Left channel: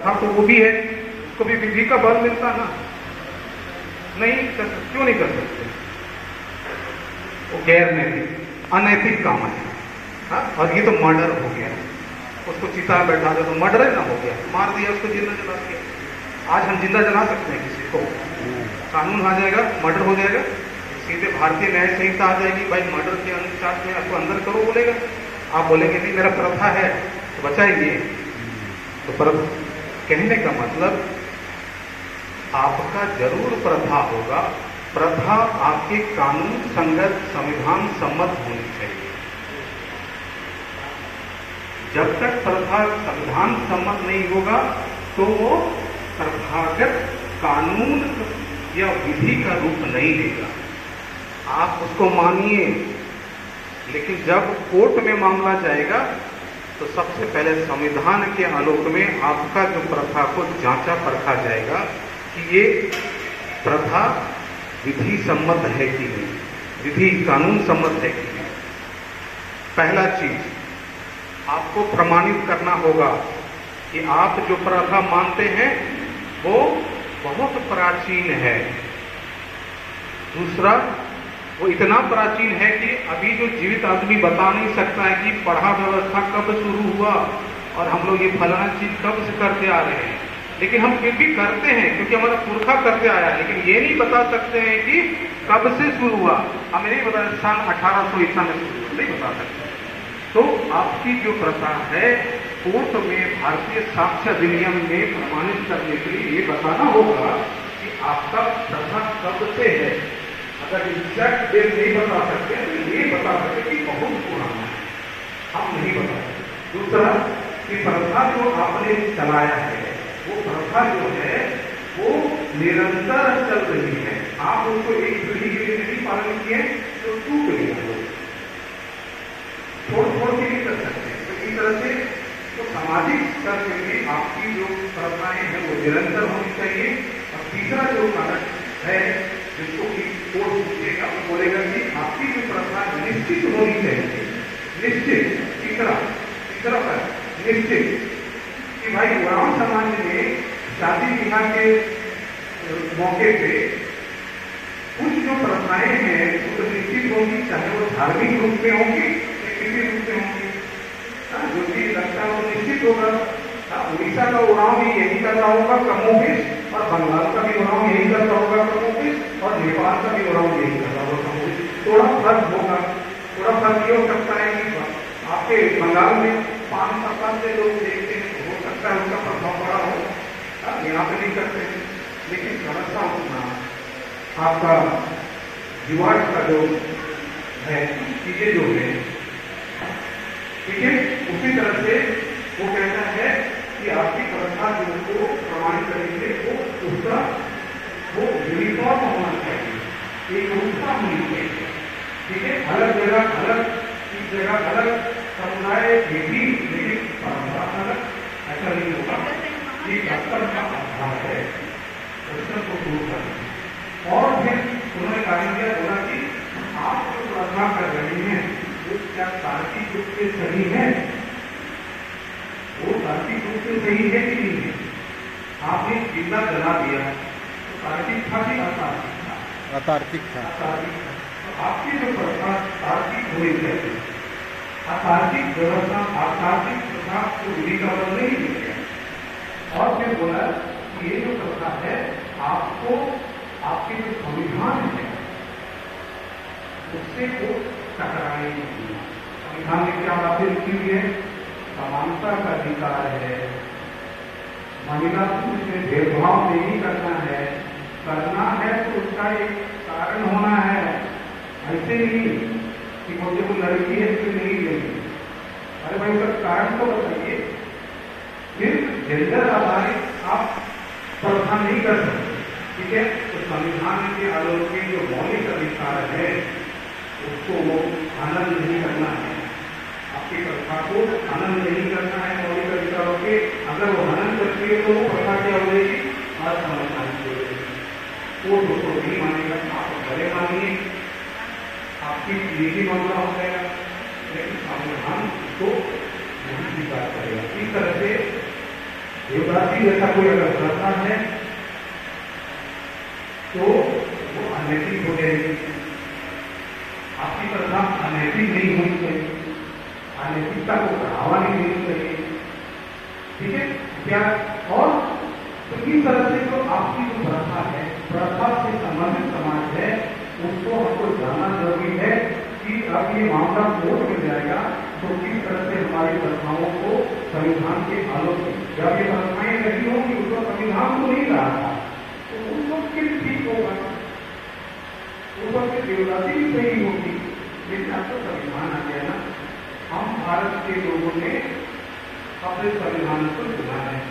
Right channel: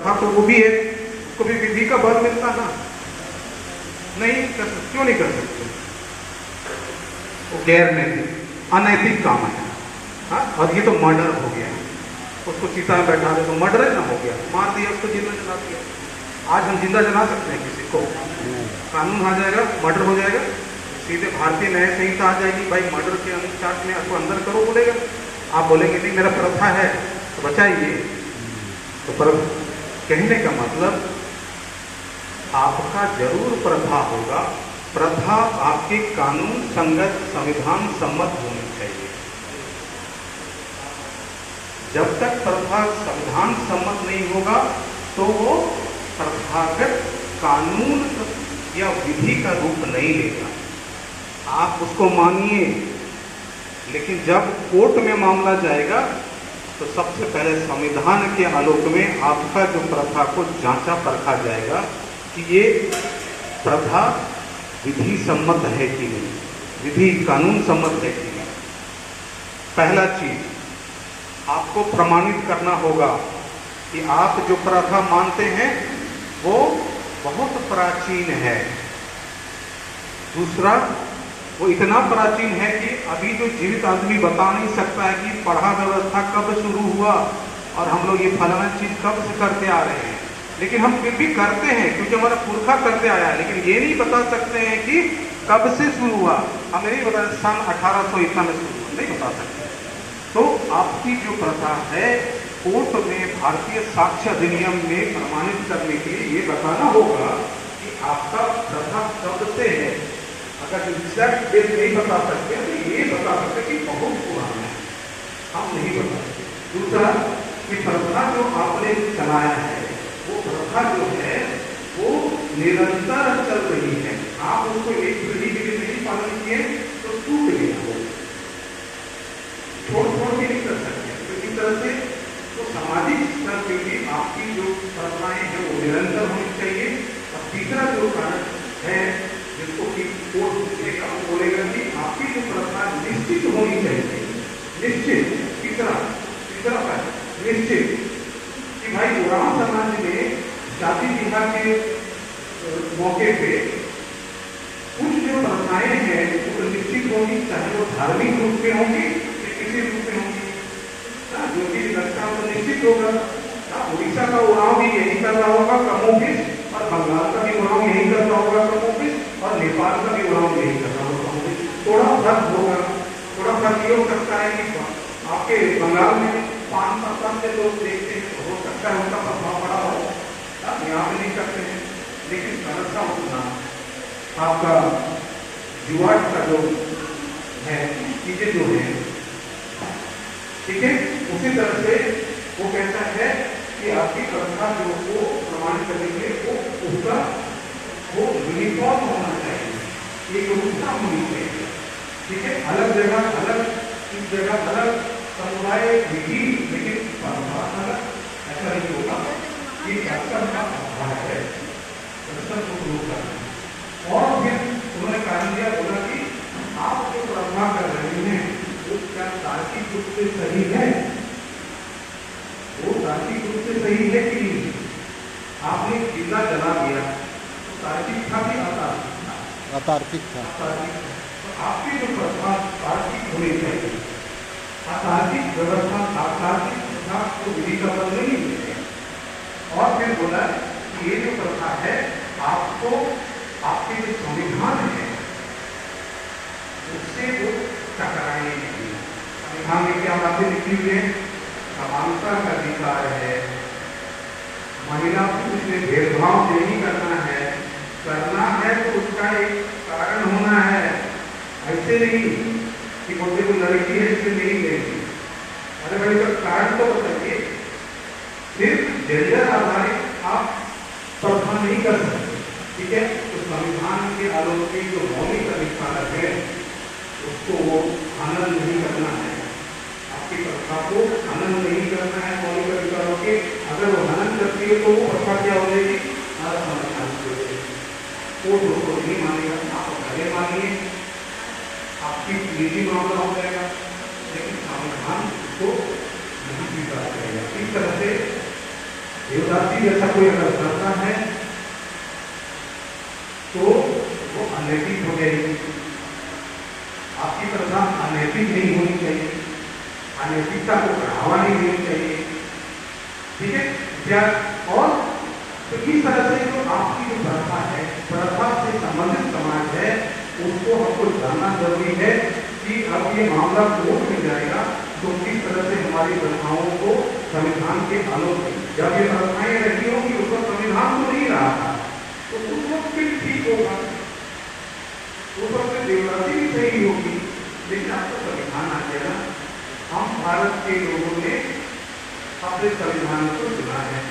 हाँ तो वो भी है, उसको भी विधि का बल मिलता ना, नहीं कर सकते, क्यों नहीं कर सकते? वो गैर नैतिक अनैतिक काम है। हाँ, और ये तो मर्डर हो गया, उसको चिता में बैठा दो तो मर्डर है ना, हो गया, मार दिया उसको, जिंदा जला दिया। आज हम जिंदा जला सकते हैं किसी को? कानून आ जाएगा, मर्डर हो जाएगा, सीधे भारतीय न्याय संहिता आ जाएगी, भाई मर्डर के अनुसार में आपको अंदर करो बोलेगा। आप बोलेंगे नहीं मेरा प्रथा है तो बचाइए। तो पर कहने का मतलब आपका जरूर प्रथा होगा, प्रथा आपके कानून संगत संविधान सम्मत होनी चाहिए। जब तक प्रथा संविधान सम्मत नहीं होगा तो वो प्रथागत कानून या विधि का रूप नहीं लेगा। आप उसको मानिए, लेकिन जब कोर्ट में मामला जाएगा तो सबसे पहले संविधान के आलोक में आपका जो प्रथा को जांचा परखा जाएगा कि ये प्रथा विधि सम्मत है कि नहीं, विधि कानून सम्मत है कि नहीं। पहला चीज आपको प्रमाणित करना होगा कि आप जो प्रथा मानते हैं वो बहुत प्राचीन है। दूसरा, वो इतना प्राचीन है कि अभी जो जीवित आदमी बता नहीं सकता है कि पढ़ा व्यवस्था कब शुरू हुआ और हम लोग ये फलाना चीज कब से करते आ रहे हैं, लेकिन हम फिर भी करते हैं क्योंकि हमारा पुरखा करते आया है, लेकिन ये नहीं बता सकते हैं कि कब से शुरू हुआ। हमें नहीं बता सन 1800 ईसा में शुरू हुआ, नहीं बता सकते। तो आपकी जो प्रथा है कोर्ट में भारतीय साक्ष्य अधिनियम में प्रमाणित करने के लिए ये बताना होगा कि आपका प्रथा कब से है। अगर एग्जैक्ट डेट नहीं बता सकते तो ये बता सकते कि बहुत पुराना है, हम नहीं बता सकते। दूसरा कि प्रथा जो आपने चलाया है वो प्रथा जो है वो निरंतर चल रही है, आप उसको एक पीढ़ी के लिए नहीं पालन किए तो टूट गया, छोड़ छोड़ के नहीं कर सकते। तो इस तरह से तो सामाजिक स्तर पे भी आपकी जो प्रथाएं हैं वो निरंतर होनी चाहिए। और तीसरा जो कारण है जिसको कि कोर्ट देगा वो बोलेगा कि आपकी जो प्रथा निश्चित होनी चाहिए, निश्चित। तीसरा निश्चित कि भाई ग्राम समाज में शादी विवाह के मौके पे कुछ जो प्रथाएं हैं वो निश्चित होगी, चाहे वो धार्मिक रूप में होगी या किसी रूप में होगी। जो कि लगता है वो निश्चित होगा। उड़ीसा का उड़ाव भी यही कर रहा होगा कमोबेश, और बंगाल का भी उड़ाव यही कर रहा होगा कमोबेश, और नेपाल का भी उड़ाव यही कर रहा होगा कमोबेश। थोड़ा फर्क होगा, थोड़ा फर्क ये हो सकता है कि आपके बंगाल में 5% से लोग देखते हैं, हो सकता है उनका प्रभाव बड़ा हो, यहाँ पे नहीं करते हैं। लेकिन समस्या उतना आपका युवा का जो है चीजें जो है, ठीक है, उसी तरह से वो कहता है कि आपकी प्रथा जो को प्रमाणित करेंगे वो उसका वो यूनिफॉर्म होना चाहिए, एक रूपता होनी चाहिए, ठीक है। अलग जगह अलग, इस जगह अलग समुदाय विधि लेकिन परंपरा अलग, ऐसा नहीं होगा। ये शास्त्र का अभाव है, शास्त्र को दूर करना। और फिर उन्होंने कार्य किया, बोला कि आप जो प्रथा कर रहे हैं वो क्या तार्किक रूप से सही है, वो तार्किक रूप से सही है कि नहीं है। आपने जिंदा जला दिया तो तार्किक था कि अतार्किक था? अतार्किक था। तो आपकी जो प्रथा तार्किक होनी चाहिए, अतार्किक व्यवस्था अतार्किक प्रथा को विधि का बल नहीं मिल गया। और फिर बोला कि ये जो प्रथा है आपको आपके जो संविधान है उससे वो टकराए नहीं। संविधान में क्या बातें लिखी हुई है? समानता का अधिकार है, महिला पुरुष में भेदभाव नहीं करना है, करना है तो उसका एक कारण होना है, ऐसे नहीं कि बोलते को लड़की है इससे नहीं लेंगे। अरे भाई उसका कारण तो बताइए। सिर्फ जेंडर आधारित आप प्रथा नहीं कर सकते, ठीक है। तो संविधान के आलोक में जो मौलिक अधिकार है उसको वो हनन नहीं करना है, आपकी प्रथा को हनन नहीं करना है मौलिक अधिकारों के। अगर वो हनन करती है तो वो प्रथा क्या हो जाएगी? असंवैधानिक हो जाएगी, वो उसको नहीं मानेगा, आप गले मानिए, आपकी निजी मामला हो जाएगा, लेकिन संविधान को नहीं स्वीकार करेगा। इस तरह से देवदासी जैसा कोई अगर प्रथा है तो वो अनैतिक हो जाएगी। आपकी प्रथा अनैतिक नहीं होनी चाहिए, अनैतिकता को बढ़ावा नहीं देनी चाहिए, ठीक है क्या। और तो इस तरह से जो आपकी जो प्रथा है, प्रथा से संबंधित समाज है, उसको हमको जानना जरूरी है कि अब ये मामला कोर्ट में जाएगा तो किस तरह से हमारी प्रथाओं को संविधान के आलोक में, जब ये प्रथाएं रही होगी उसको संविधान तो नहीं रहा था, तो उस वक्त फिर ठीक होगा, उस वक्त देवदासी भी सही होगी। लेकिन आपको संविधान आ गया, हम भारत के लोगों ने अपने संविधान को चुना है,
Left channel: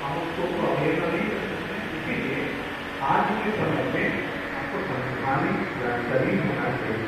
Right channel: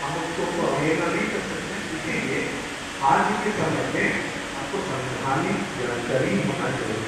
हम उसको अवहेलना नहीं कर सकते। इसलिए आज के समय में आपको संवैधानिक जानकारी होना चाहिए।